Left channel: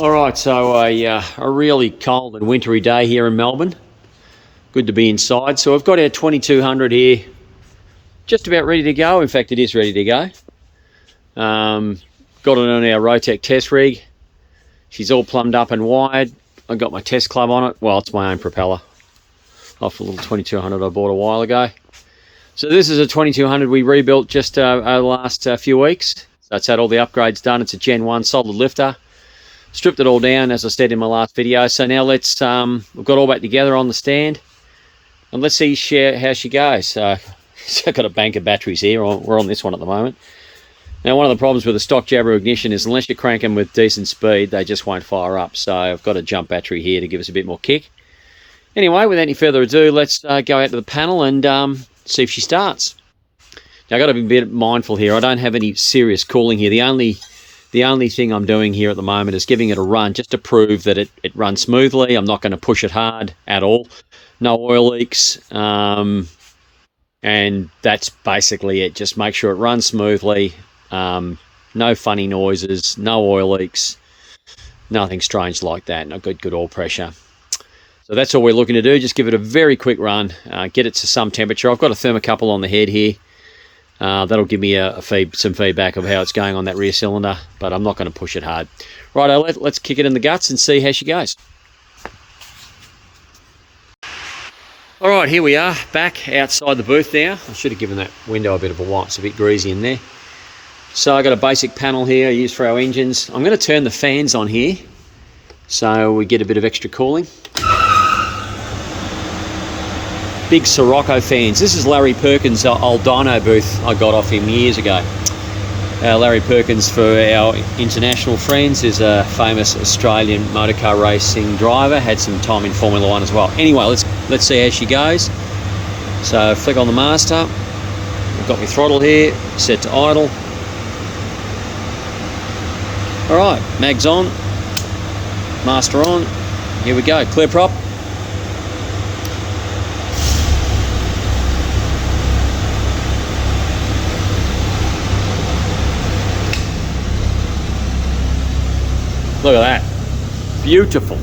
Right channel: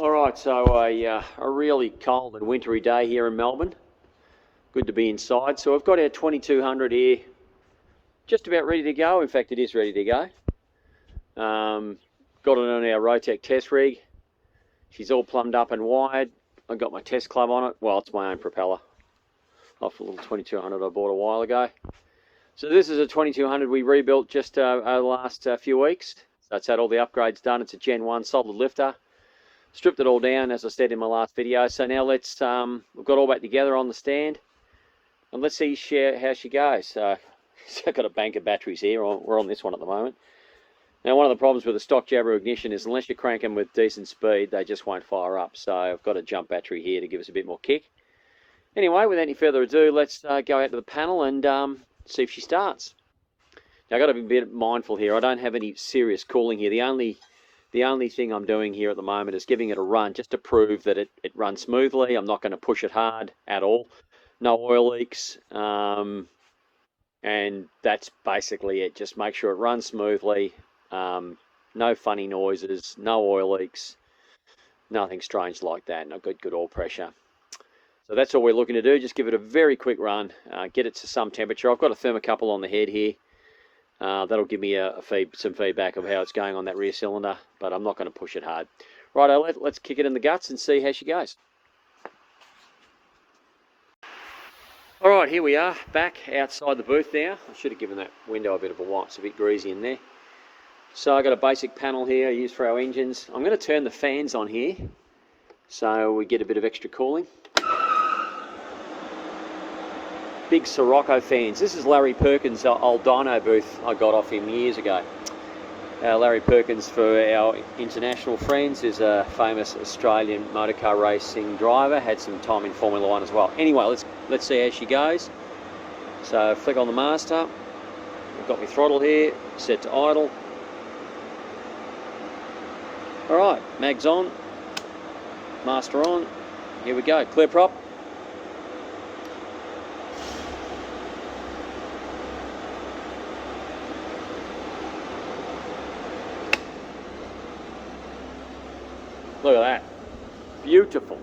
All right, so a really cold and wintry day here in Melbourne. Good to be inside. So I've got our 2200 here, just about ready to go. In fact, it is ready to go. Got it on our Rotec test rig. She's all plumbed up and wired. I got my test club on it. Well, it's my own propeller off a little 2200 I bought a while ago. So this is a 2200 we rebuilt just over the last few weeks. So it's had all the upgrades done. It's a Gen 1 solid lifter. Stripped it all down, as I said in my last video. So now let's, we've got all back together on the stand. And let's see how she goes. So I've got a bank of batteries here. We're on this one at the moment. Now, one of the problems with a stock Jabiru ignition is unless you crank them with decent speed, they just won't fire up. So I've got a jump battery here to give us a bit more kick. Anyway, without any further ado, let's go out to the panel and see if she starts. Now, I've got to be a bit mindful here. I don't have any serious cooling here. The only thing I'm doing here at the moment is giving it a run just to prove that it runs smoothly. I'm not going to push it hard at all. No oil leaks. And that's basically it. Just make sure it runs smoothly. No funny noises, no oil leaks, nothing strange like that. No good oil pressure. So that's all we're looking to do. Just give it a very quick run, get it to some temperature. I've got a thermocouple on the head here. That'll give me some feedback of how it's going on that rear cylinder, but I'm not going to push it hard. Righto, let's kick it in the guts and see how she goes. All right, here we are, back outside the booth now. I should have given that window a bit of a wipe. It's a bit greasy in there. So I've got a basic panel here I use for our engines. I'm going to turn the fans on here so we get a bit of extra cooling. Big Sirocco fans. This is Larry Perkins' old dyno booth I got off him years ago. Larry Perkins, for our international friends, is a famous Australian motorcar racing driver. Had some time in Formula 1 as well. Anyway, let's see how she goes. So flick on the master. I've got my throttle here, set to idle. All right, mags on, master on. Here we go, clear prop. Look at that, beautiful,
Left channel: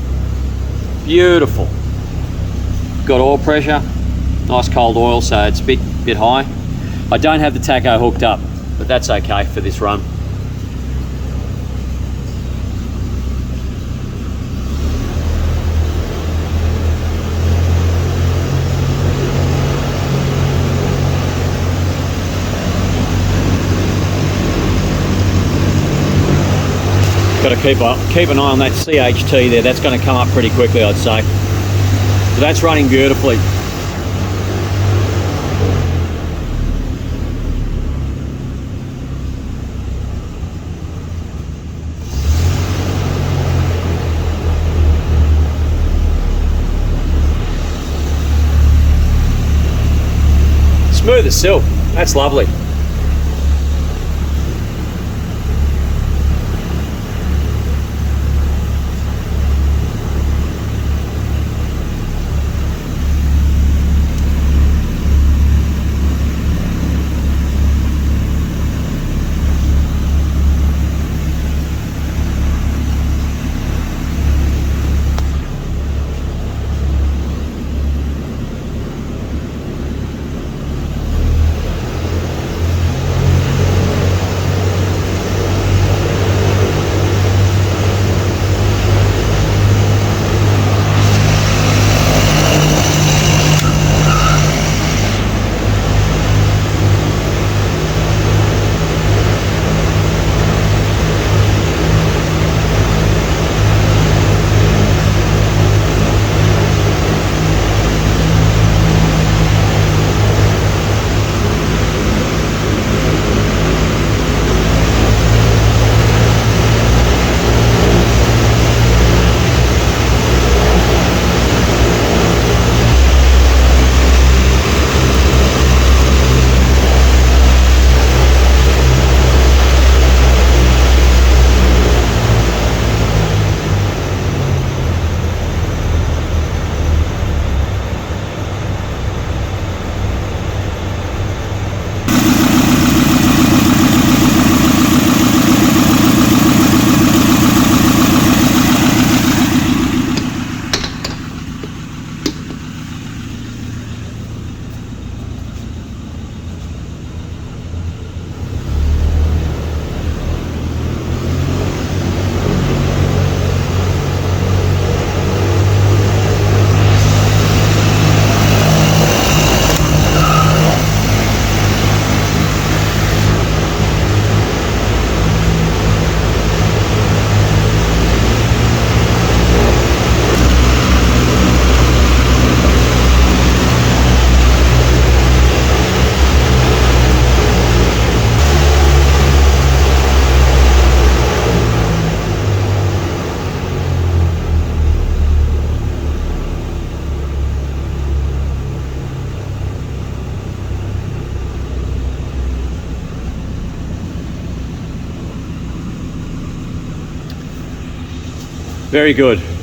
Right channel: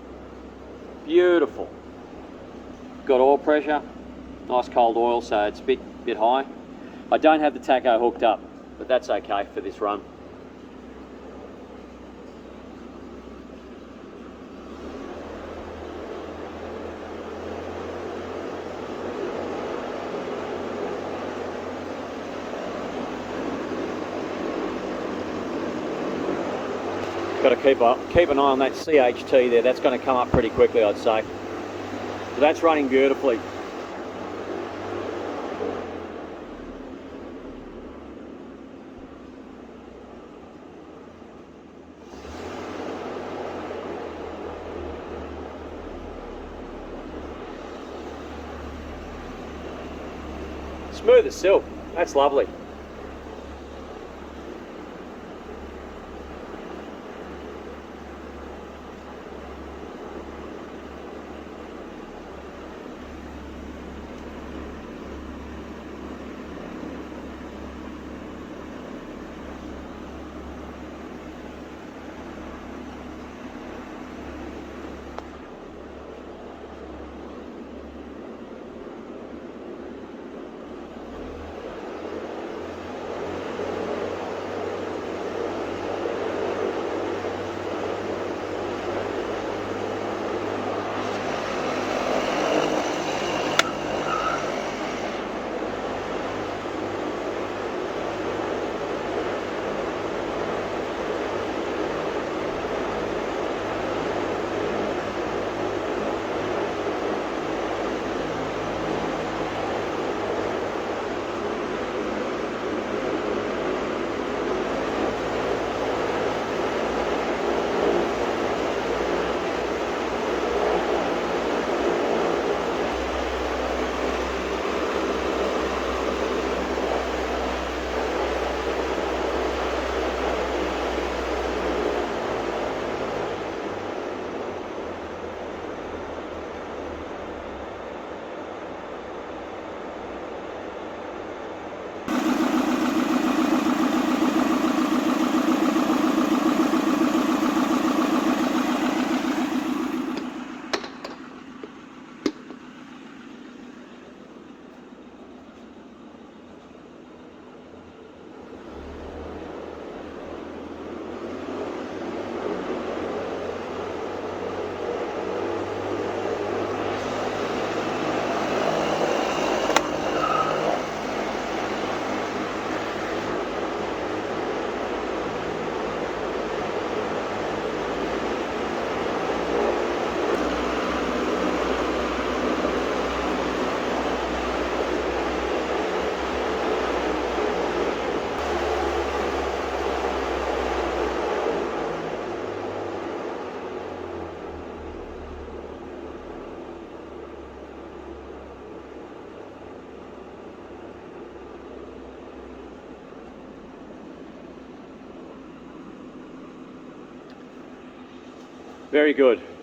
beautiful. Got oil pressure, nice cold oil, so it's a bit high. I don't have the tacho hooked up, but that's okay for this run. Got to keep an eye on that CHT there. That's going to come up pretty quickly, I'd say. But that's running beautifully. Smooth as silk. That's lovely. Very good.